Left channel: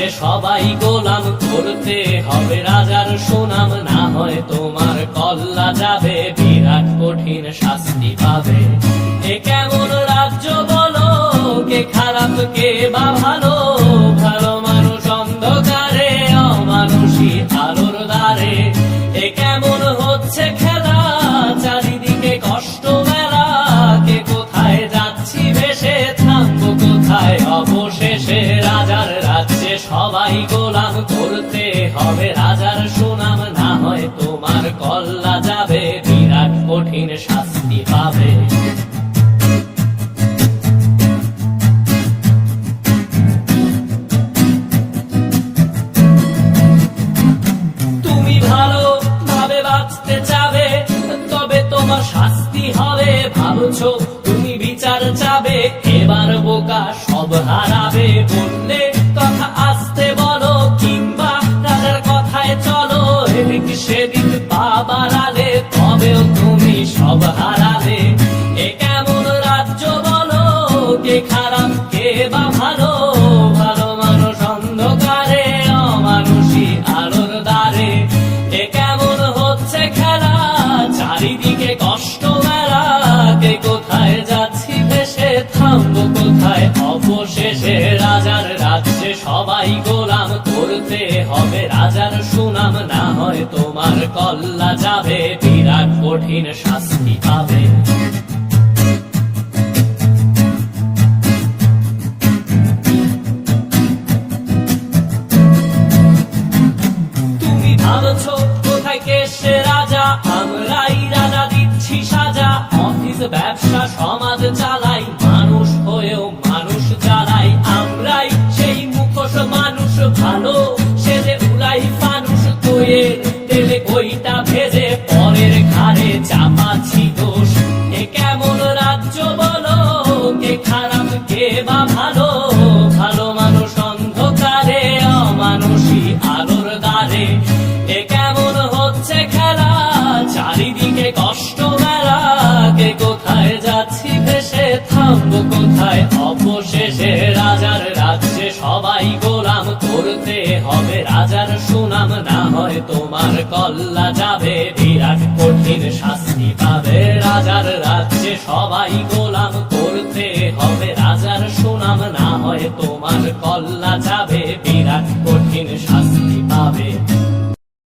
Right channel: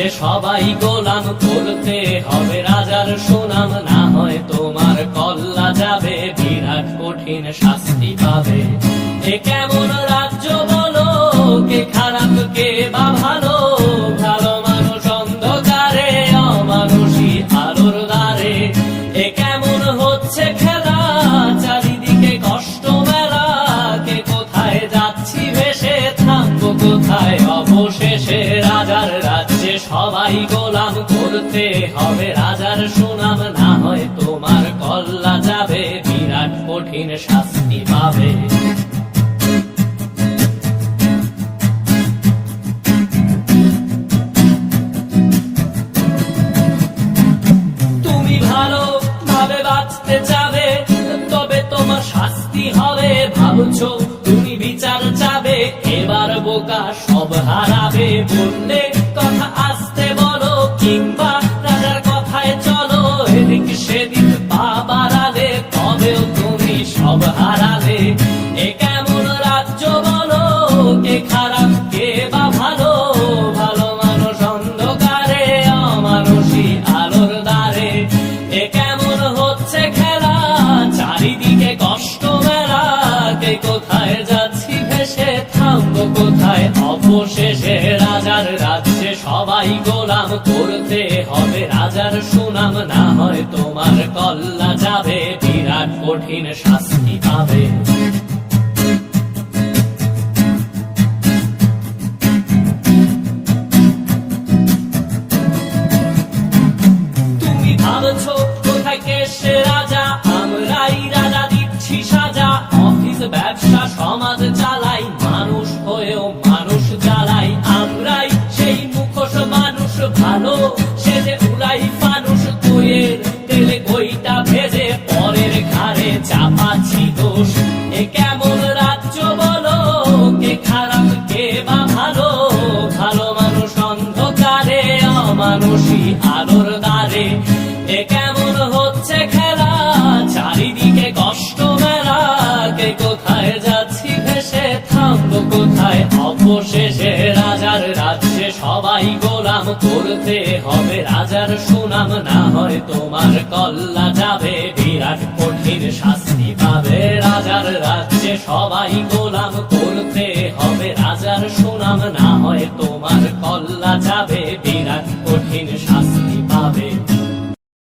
রাজ্যে সবাই গোলাম, করতে হবে রাজার সুনাম, না হয় তোমার কল্লা যাবে, বিরাট কঠিন শাস্তি পাবে। এ কেমন রাজ্য বলো, কে খারাপ কে বা ভালো, ভালো মানুষ অন্ধকারে, অমানুষী আলোর দ্বারে। এ কেমন হচ্ছে খেলা, চারিদিকে কষ্ট মেলা, কে কোথায় যাচ্ছি ভেসে, থামবো কোথায় অবশেষে। রাজার রাজ্যে সবাই গোলাম, করতে হবে রাজার সুনাম, না হয় তোমার কল্লা যাবে, বিরাট কঠিন শাস্তি পাবে। তুমি ভালো ভাবে বাঁচতে চাবে, তবে তোমার শাস্তি হবে। ভাবছো তুমি বিচার চাবে, এবার বোকা সব হারাবে। বললে কথা আসতে বলো, কিংবা রাজার কথায় চলো, এদিক সেদিক পা বাড়ালে, তবেও তুমি সব হারালে। এ কেমন রাজ্য বলো, কে খারাপ কে বা ভালো, ভালো মানুষ অন্ধকারে, অমানুষী আলোর দ্বারে। এ কেমন হচ্ছে খেলা, চারিদিকে কষ্ট মেলা, কে কোথায় যাচ্ছি ভেসে, থামবো কোথায় অবশেষে। রাজার রাজ্যে সবাই গোলাম, করতে হবে রাজার সুনাম, না হয় তোমার কল্লা যাবে, বিরাট কঠিন শাস্তি পাবে। তুমি ভাবছো কোথায় কেসে রাজা, আমরাই রাজা দিচ্ছি সাজা। অফিস ব্যবসা সমাজ চালাই, মানুষ হয়েও মানুষ জ্বালাই। আমরাই সেই মুখোশ মানুষ ভালো, সেজে উড়াই ফানুষ, দইয়ের তেলে ওইটা ভেজে, পরের ঘাড়ে চাপাচ্ছি দোষ। এ কেমন রাজ্য বলো, কে খারাপ কে বা ভালো, ভালো মানুষ অন্ধকারে, অমানুষী আলোর দ্বারে। এ কেমন হচ্ছে খেলা, চারিদিকে কষ্ট মেলা, কে কোথায় যাচ্ছি ভেসে, থামবো কোথায় অবশেষে। রাজার রাজ্যে সবাই গোলাম, করতে হবে রাজার সুনাম, না হয় তোমার কল্লা যাবে, বিরাট কঠিন শাস্তি পাবে। রাজার রাজ্যে সবাই গোলাম, করতে হবে রাজার সুনাম, না হয় তোমার কল্লা যাবে, বিরাট কঠিন শাস্তি পাবে।